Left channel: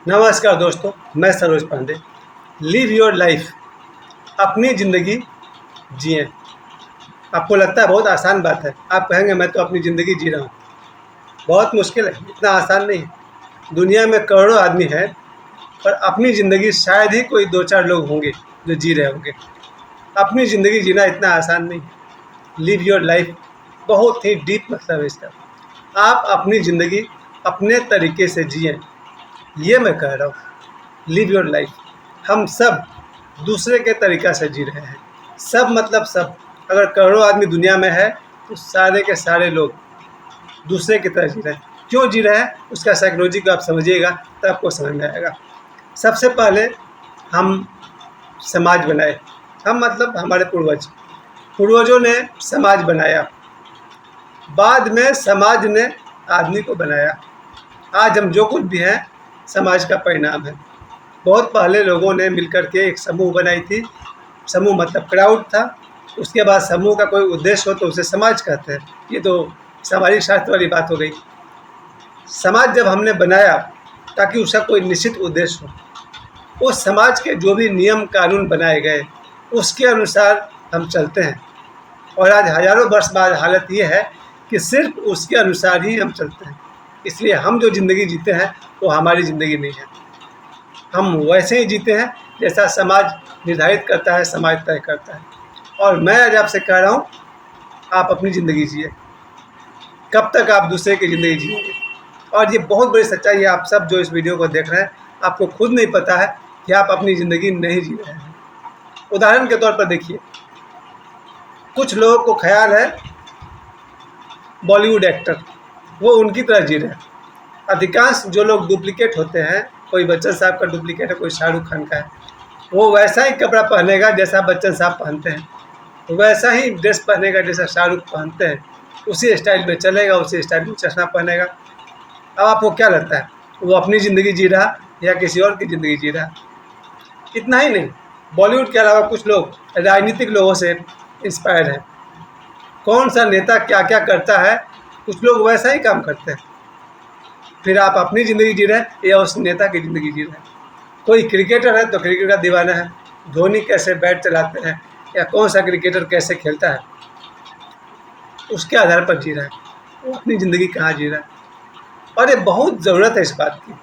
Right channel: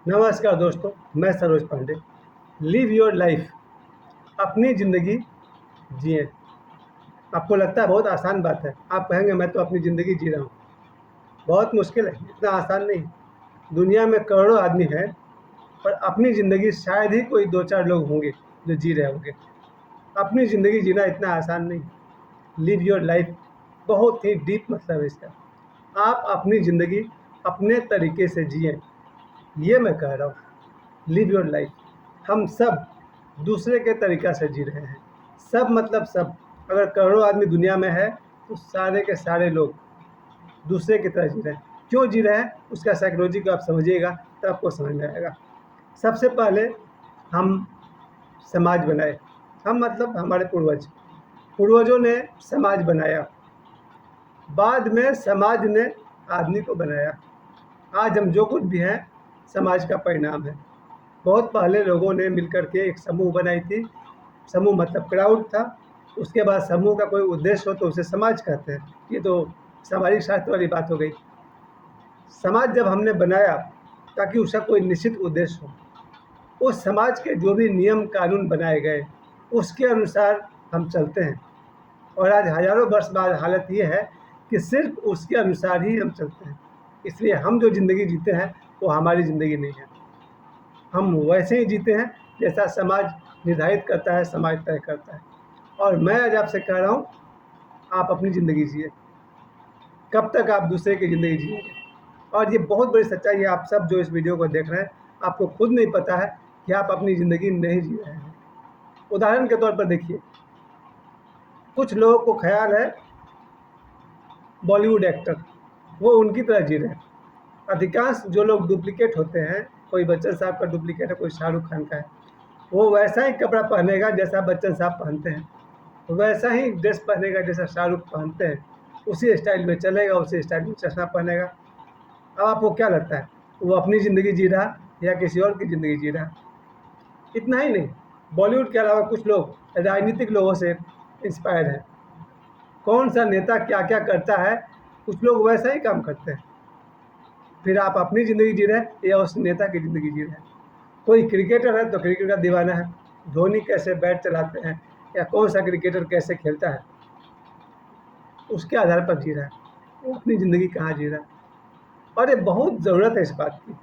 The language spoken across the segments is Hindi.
नमस्कार दोस्तों, मैं Saroj Pandey. Live your life, अपनी ज़िंदगी जिएं। आपको लगता है बहुत आसान बात है। आप कहेंगे मैं तो अपनी ज़िंदगी जी रहा हूँ। बहुत मुश्किल है, इतना आसान नहीं है। दुनिया में करोड़ों आदमी हैं, पर अपनी ज़िंदगी शायद ही कोई दो चार लोग होंगे जो जी रहे होंगे। अपनी ज़िंदगी जीना इतना आसान नहीं है। लिव योर लाइफ बहुत ही डीप मतलब है इसका। आप अपनी ज़िंदगी अपने तरीके से जिएं, ये मैं कह रहा हूँ। Live your life. हम सब दूसरे के तरीक़ा से जी रहे हैं। सब मतलब सब। अगर करोड़ों आदमी दुनिया में है तो सारे के सारे लोग दूसरे की तरह जी रहे हैं। क्यों जी रहे हैं उसका साइकोलॉजी को आप समझिएगा तो आपको समझ में आएगा। सबसे पहले हम समाज बनाए। हम मतलब हमारे पूर्वजों ने समाज बनाया, बाद में समाज ने आदमी को बनाया। आज हम जो कुछ भी हैं समाज का परिणाम है। बहुत पहले लोगों ने मिलकर के एक समूह बनाई थी। समूह मतलब क्राउड था। उसके बाद समूह का कोई उद्देश्य हो तो उसे समाज कहते हैं। ये तो सामाजिक शास्त्र वाली बात हो गई। समाज जब हमने बनाया ताकि उसका कोई निश्चित उद्देश्य हो, उस समाज के जो भी नियम कानून बनाए गए उसके अनुसार हम चलते हैं। और आज हज़ारों वर्ष बाद हालत ये है कि सिर्फ उसके अनुसार ही हम चलते हैं। इसलिए हम जो ज़िंदगी जीते हैं वो हमारी ज़िंदगी नहीं है। हम वैसे ही जीते हैं जैसा समाज निर्धारित करता है, समाज तय करता है। और मैं आज आपसे कह रहा हूँ, आप अपनी ज़िंदगी जिए। कब तक आप दूसरे की ज़िंदगी जिएंगे? और ये बहुत बड़ी सच्चाई है। आप सब जो इस वीडियो को देख रहे हैं, आपको खुद नहीं पता है कि आप अपनी ज़िंदगी नहीं जी रहे हैं। उदाहरण के तौर पर देखिए, कुछ लोगों को ख्याल है बॉलीवुड एक्टर वो उनकी तरह जी रहे हैं। अधिकांश जो लोग डुप्लीकेट होते हैं, कोई बच्चन साहब का डुप्लीकेट है, कोई शाहरुख खान का है, वो वैसा ही कपड़ा पहनेगा जैसा बच्चन साहब पहनते हैं, वैसा ही ड्रेस पहनेगा जैसा शाहरुख पहनते हैं, उसी स्टाइल में चलेगा, उसी स्टाइल में चश्मा पहनेगा। अब आपको क्या लगता है, वो अपनी ज़िंदगी जी रहा या किसी और की ज़िंदगी जी रहा? इतना ही नहीं, बॉलीवुड के अलावा कुछ लोग राजनीतिक लोगों से इंस्पायर हैं। कौन सा नेता क्या क्या करता है, कुछ लोग वैसा ही काम करते हैं। फिर आप अपनी ज़िंदगी जी रहे हैं या उस नेता की ज़िंदगी जी रहे हैं? कोई क्रिकेटर है तो क्रिकेट का दीवाना है। धोनी कैसे बैट चलाते हैं या कौन सा क्रिकेटर कैसे खेलता है, उसके आधार पर जी रहा है। वो अपनी ज़िंदगी कहाँ जी रहा है। और ये बहुत ज़रूरत है इस बात की।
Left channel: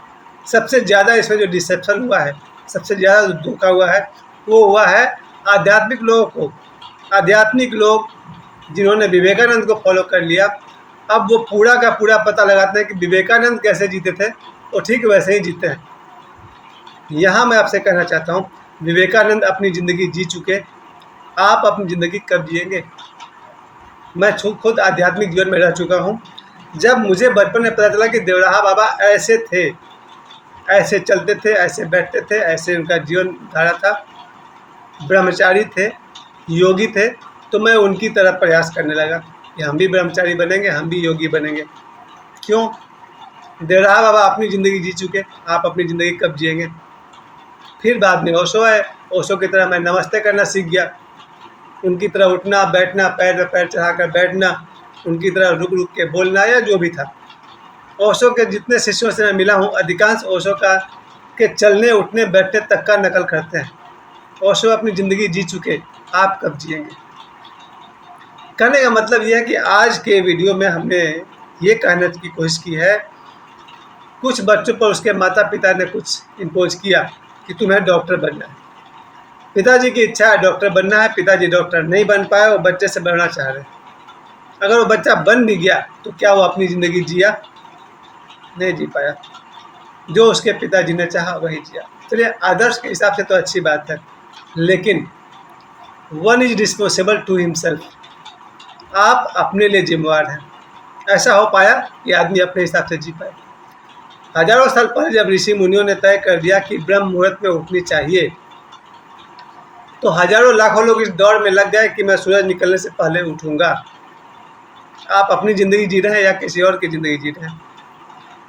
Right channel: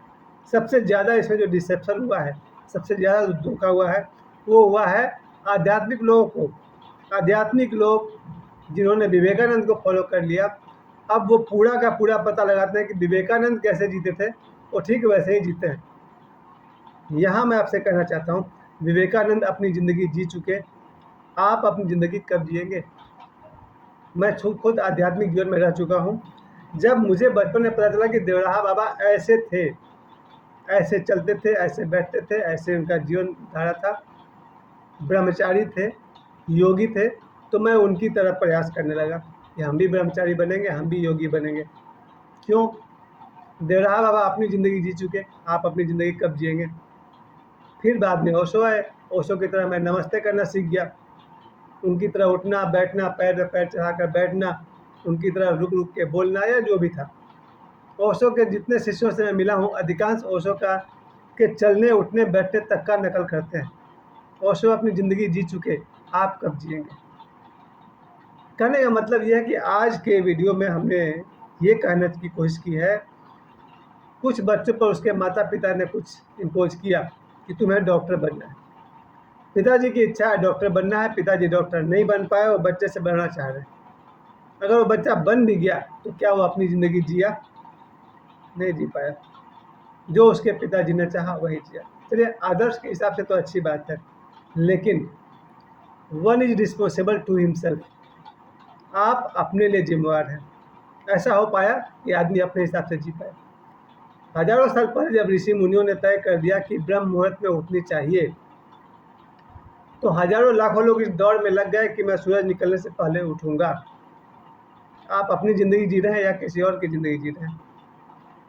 सबसे ज़्यादा इसमें जो डिसेप्शन हुआ है, सबसे ज़्यादा धोखा हुआ है, वो हुआ है आध्यात्मिक लोगों को। आध्यात्मिक लोग जिन्होंने विवेकानंद को फॉलो कर लिया, अब वो पूरा का पूरा पता लगाते हैं कि विवेकानंद कैसे जीते थे, वो ठीक वैसे ही जीते हैं। यहाँ मैं आपसे कहना चाहता हूँ, विवेकानंद अपनी ज़िंदगी जी चुके, आप अपनी ज़िंदगी कब जिएंगे? मैं खुद आध्यात्मिक जीवन में रह चुका हूँ। जब मुझे बचपन में पता चला कि देवराहा बाबा ऐसे थे, ऐसे चलते थे, ऐसे बैठते थे, ऐसे उनका जीवन धारा था, ब्रह्मचारी थे, योगी थे, तो मैं उनकी तरह प्रयास करने लगा कि हम भी ब्रह्मचारी बनेंगे, हम भी योगी बनेंगे। क्यों? देवराहा बाबा अपनी ज़िंदगी जी चुके, आप अपनी ज़िंदगी कब जिएंगे? फिर बाद में ओशो है, ओशो की तरह मैं नमस्ते करना सीख गया। उनकी तरह उठना बैठना, पैर में पैर चढ़ाकर बैठना, उनकी तरह रुक रुक के बोलना, या जो भी था। ओशो के जितने शिष्यों से मैं मिला हूँ, अधिकांश ओशो का के चलने उठने बैठने तक का नकल करते हैं। ओशो अपनी ज़िंदगी जी चुके, आप कब जिएंगे? कहने का मतलब यह है कि आज के वीडियो में हमने ये कहने की कोशिश की है, कुछ बच्चों पर उसके माता पिता ने कुछ इम्पोज किया कि तुम्हें डॉक्टर बनना है। पिताजी की इच्छा है डॉक्टर बनना है, पिताजी डॉक्टर नहीं बन पाए, वो बच्चे से बनना चाह रहे हैं। अगर वो बच्चा बन भी गया तो क्या वो अपनी ज़िंदगी जिया? नहीं जी पाया। जो उसके पिताजी ने चाहा वही जिया। चलिए, आदर्श के हिसाब से तो अच्छी बात है, लेकिन one is responsible to himself. आप अपने लिए जिम्मेवार हैं। ऐसा हो पाया कि आदमी अपने हिसाब से जी पाए। हजारों साल पहले जब ऋषि मुनियों ने तय कर दिया कि ब्रह्म मुहूर्त में उठनी चाहिए, तो हजारों लाखों लोग इस दौड़ में लग गए कि मैं सूरज निकलने से पहले उठूंगा। आप अपनी ज़िंदगी जी रहे हैं या किसी और की ज़िंदगी जी रहे हैं?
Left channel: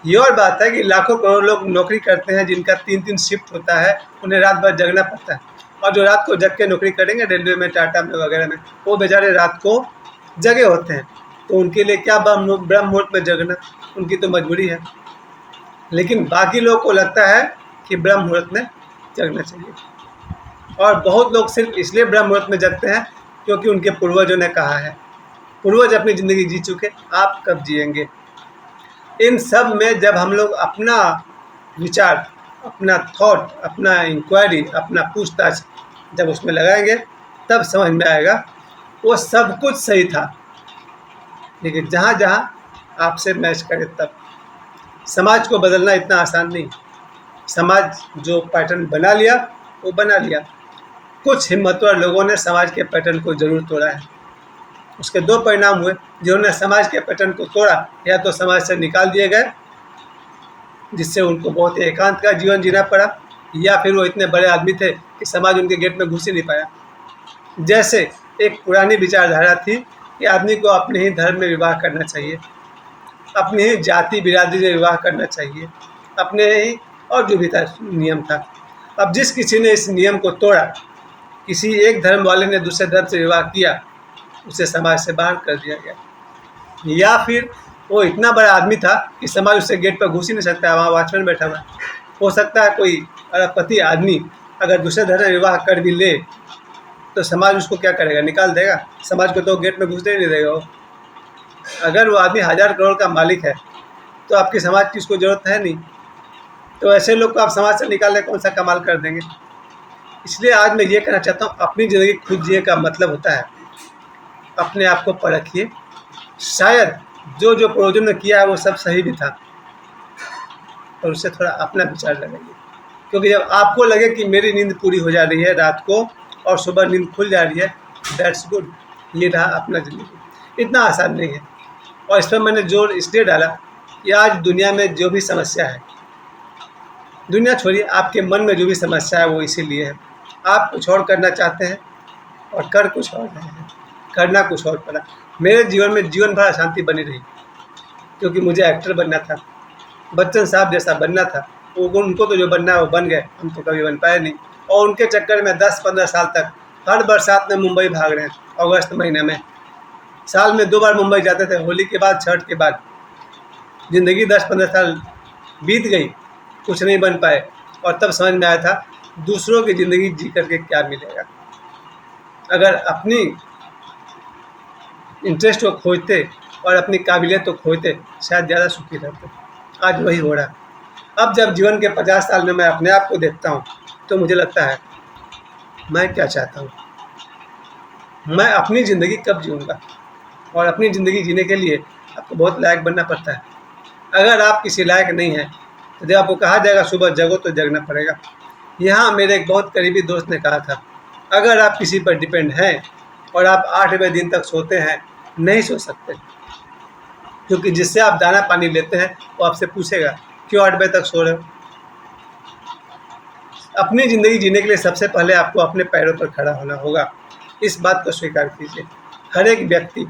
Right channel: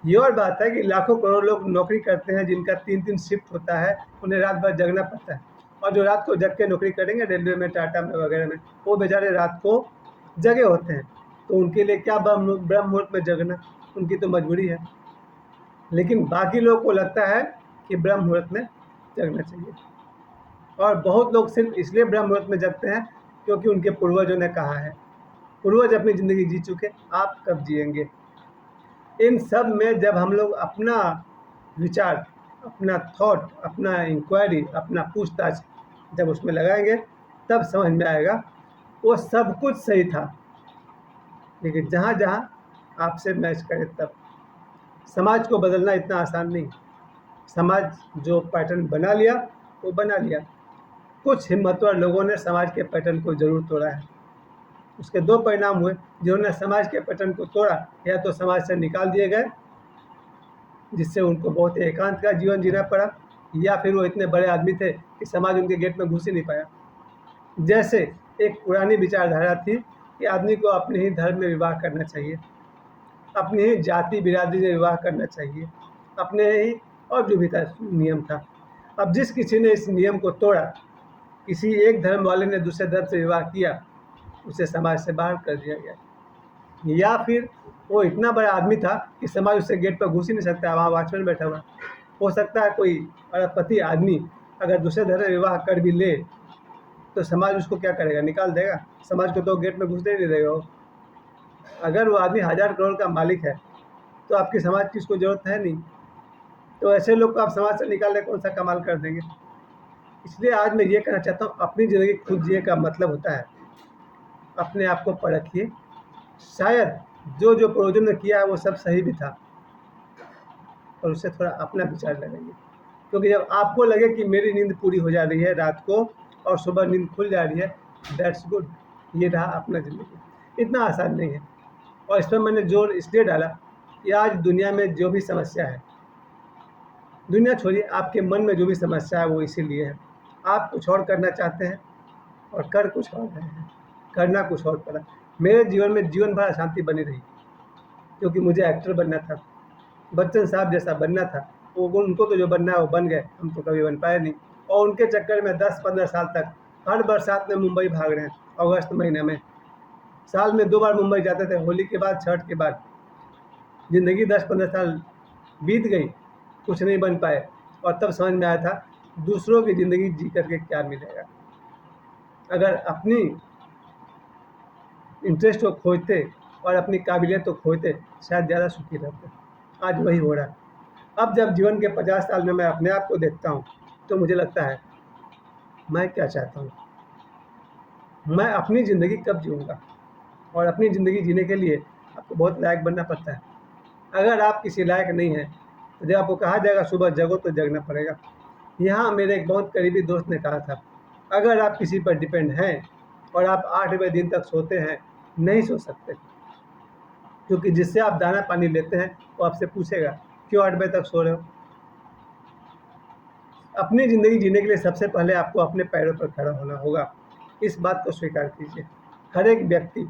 ये और बात है कि लाखों करोड़ों लोग नौकरी करते हैं जिनका 3-3 शिफ्ट होता है, उन्हें रात भर जगना पड़ता है। और जो रात को जग के नौकरी करेंगे रेलवे में, टाटा में वगैरह में, वो बेचारे रात को जगे होते हैं। तो उनके लिए क्या ब्रह्म मुहूर्त में जगना, उनकी तो मजबूरी है। लेकिन बाकी लोग को लगता है कि ब्रह्म मुहूर्त में जगना चाहिए। और बहुत लोग सिर्फ इसलिए ब्रह्म मुहूर्त में जगते हैं क्योंकि उनके पूर्वजों ने कहा है। पूर्वज अपनी ज़िंदगी जी चुके, आप कब जिएंगे? इन सब में जब हम लोग अपना विचार, अपना थॉट, अपना इंक्वायरी, अपना पूछताछ जब उसमें लगाएंगे तब समझ में आएगा वो सब कुछ सही था, लेकिन जहाँ जहाँ आपसे मैच करे तब। समाज को बदलना इतना आसान नहीं। समाज जो पैटर्न बना लिया वो बना लिया। कुछ हिम्मतवर लोगों ने समाज के पैटर्न को ज़रूर तोड़ा है। उसके दो परिणाम हुए। जिन्होंने समाज के पैटर्न को तोड़ा, या तो समाज से निकाल दिए गए, जिससे उनको बहुत एकांत का जीवन जीना पड़ा, या फिर वो इतने बड़े आदमी थे कि समाज उनके गेट में घुस ही नहीं पाया। जैसे एक पुरानी विचारधारा थी कि आदमी को अपने ही धर्म में विवाह करना चाहिए, अपने ही जाति बिरादरी में विवाह करना चाहिए, अपने ही, और जो भी था नियम था। अब जिस किसी ने इस नियम को तोड़ा, किसी एक धर्म वाले ने दूसरे धर्म से विवाह किया, उसे समाज से बाहर कर दिया गया। या फिर वो इतना बड़ा आदमी था कि समाज उससे गेट पर घुस ही नहीं सकता, वहाँ वॉचमैन बैठा हुआ है। हो सकता है कोई अरबपति आदमी अगर दूसरे धर्म में विवाह कर भी ले तो समाज उसको क्या करेगा? निकाल देगा। समाज को तो गेट में घुसने ही नहीं देगा वो। अगर वो आदमी 1000 करोड़ का मालिक है तो आपकी समाज की उसको ज़रूरत है नहीं। तो ऐसे लोग को आप समाज से निकालने कौन सा कमाल कर देंगे? इसलिए आज मैं ये कहना चाहता हूँ, अपनी ज़िंदगी खुद जिए का मतलब होता है अपने आप को परखिए। शायद जो जो पूर्वजों ने किया है वो सब सही भी था, और उससे थोड़ा अपना विचार लगाइए। क्योंकि जब आपको लगे कि मेरी नींद पूरी हो जा रही है रात को और सुबह नींद खुल जा रही है, दैट्स गुड। ये रहा अपना ज़िंदगी। इतना आसान नहीं है। और इस पर मैंने जोर इसलिए डाला कि आज दुनिया में जो भी समस्या है, दुनिया छोड़िए, आपके मन में जो भी समस्या है वो इसीलिए है। आप कुछ और करना चाहते हैं और कर कुछ और रहे हैं, करना कुछ और पड़ा। मेरे जीवन में जीवन भर अशांति बनी रही, क्योंकि मुझे एक्टर बनना था, बच्चन साहब जैसा बनना था। वो उनको तो जो बनना है वो बन गए, हम तो कभी बन पाए नहीं। और उनके चक्कर में 10-15 साल तक हर बरसात में मुंबई भाग रहे हैं। अगस्त महीने में साल में 2 बार मुंबई जाते थे, होली के बाद, छठ के बाद। ज़िंदगी 10-15 साल बीत गई, कुछ नहीं बन पाए, और तब समझ में आया था दूसरों की ज़िंदगी जी करके क्या मिलेगा। अगर अपनी इंटरेस्ट को खोजते और अपनी काबिलियत को खोजते, शायद ज़्यादा सुखी रहते। आज वही हो रहा। अब जब जीवन के 50 साल में मैं अपने आप को देखता हूँ तो मुझे लगता है मैं क्या चाहता हूँ, मैं अपनी ज़िंदगी कब जीऊँगा। और अपनी ज़िंदगी जीने के लिए आपको बहुत लायक बनना पड़ता है। अगर आप किसी लायक नहीं हैं तो जब आपको कहा जाएगा सुबह जगो तो जगना पड़ेगा। यहाँ मेरे एक बहुत करीबी दोस्त ने कहा था, अगर आप किसी पर डिपेंड हैं और आप 8वें दिन तक सोते हैं, नहीं सो सकते, क्योंकि जिससे आप दाना पानी लेते हैं वो आपसे पूछेगा क्यों 8 बजे तक सो रहे हो। अपनी ज़िंदगी जीने के लिए सबसे पहले आपको अपने पैरों पर खड़ा होना होगा। इस बात को स्वीकार कीजिए। हर एक व्यक्ति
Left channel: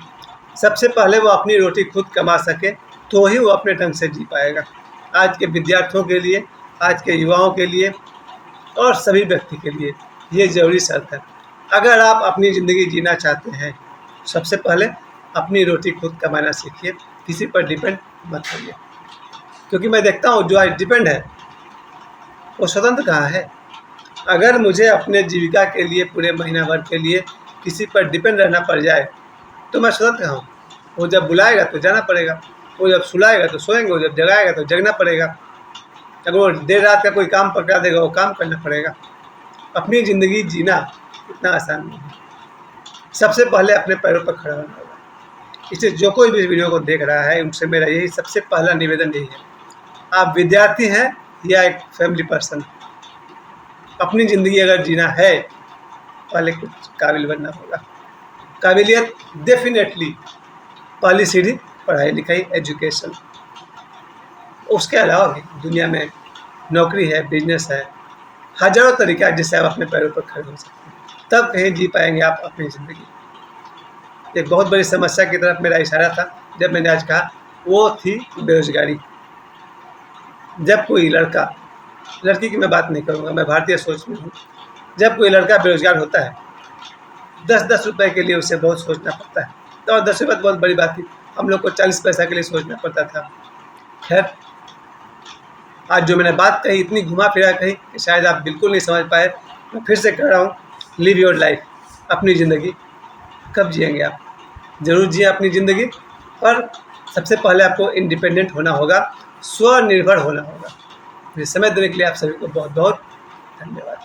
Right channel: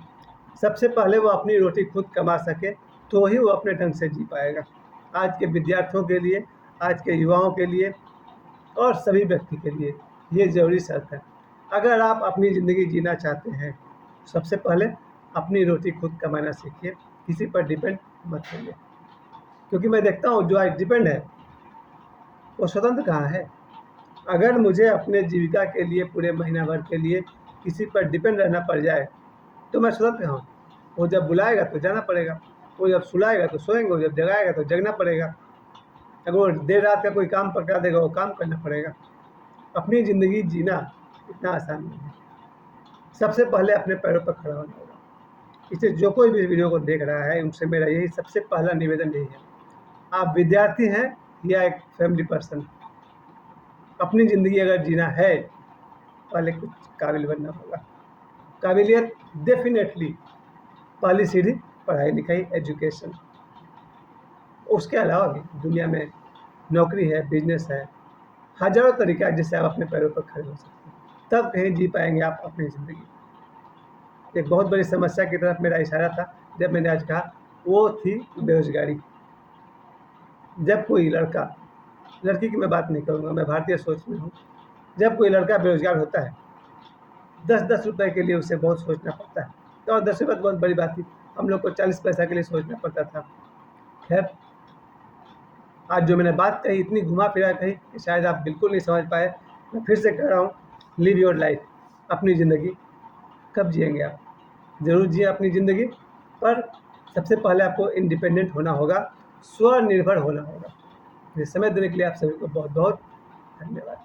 सबसे पहले वो अपनी रोटी खुद कमा सके तो ही वो अपने ढंग से जी पाएगा। आज के विद्यार्थियों के लिए, आज के युवाओं के लिए, और सभी व्यक्ति के लिए ये ज़रूरी शर्त है। अगर आप अपनी ज़िंदगी जीना चाहते हैं, सबसे पहले अपनी रोटी खुद कमाना सीखिए, किसी पर डिपेंड मत होइए। क्योंकि मैं देखता हूँ जो आज डिपेंड है वो स्वतंत्र कहाँ है। अगर मुझे अपने जीविका के लिए, पूरे महीना भर के लिए किसी पर डिपेंड रहना पड़ जाए तो मैं स्वतंत्र कहाँ हूँ। वो जब बुलाएगा तो जाना पड़ेगा, वो जब सुलाएगा तो सोएंगे, वो जब जगाएगा तो जगना पड़ेगा। अगर वो देर रात का कोई काम पकड़ा देगा वो काम करना पड़ेगा। अपनी ज़िंदगी जीना इतना आसान नहीं है। सबसे पहले अपने पैरों पर खड़ा होना होगा। इसलिए जो कोई भी वीडियो को देख रहा है उनसे मेरा यही सबसे पहला निवेदन यही है, आप विद्यार्थी हैं या एक फैमिली पर्सन, अपनी ज़िंदगी अगर जीना है पहले कुछ काबिल बनना होगा। काबिलियत डेफिनेटली पहली सीढ़ी पढ़ाई लिखाई, एजुकेशन। उसके अलावा भी दुनिया में नौकरी है, बिजनेस है, हज़ारों तरीका है जिससे आप अपने पैरों पर खड़े हो सकते हैं। तब कहीं जी पाएंगे आप अपनी ज़िंदगी। एक बहुत बड़ी समस्या की तरफ मेरा इशारा था जब मैंने आज कहा, वो थी बेरोजगारी। जब कोई लड़का, लड़की की मैं बात नहीं करूँगा, मैं भारतीय सोच में हूँ, जब कोई लड़का बेरोजगार होता है 10-10 रुपये के लिए उसे बहुत सोचना पड़ता है। तो और 10 रुपये तो बहुत बड़ी बात थी, हम लोग को 40 पैसा के लिए सोचना पड़ता था। खैर, आज जो मैंने बात कही इतनी घुमा फिरा कही कि शायद आप बिल्कुल नहीं समझ पाए। मैं फिर से कह रहा हूँ, लिव योर लाइफ, अपनी ज़िंदगी। कब जिएंगे आप? ज़रूर जिए अपनी ज़िंदगी, पर सबसे पहले आपको इंडिपेंडेंट होना होगा, स्वनिर्भर होना होगा। मुझे समय देने के लिए आप सभी को बहुत बहुत धन्यवाद।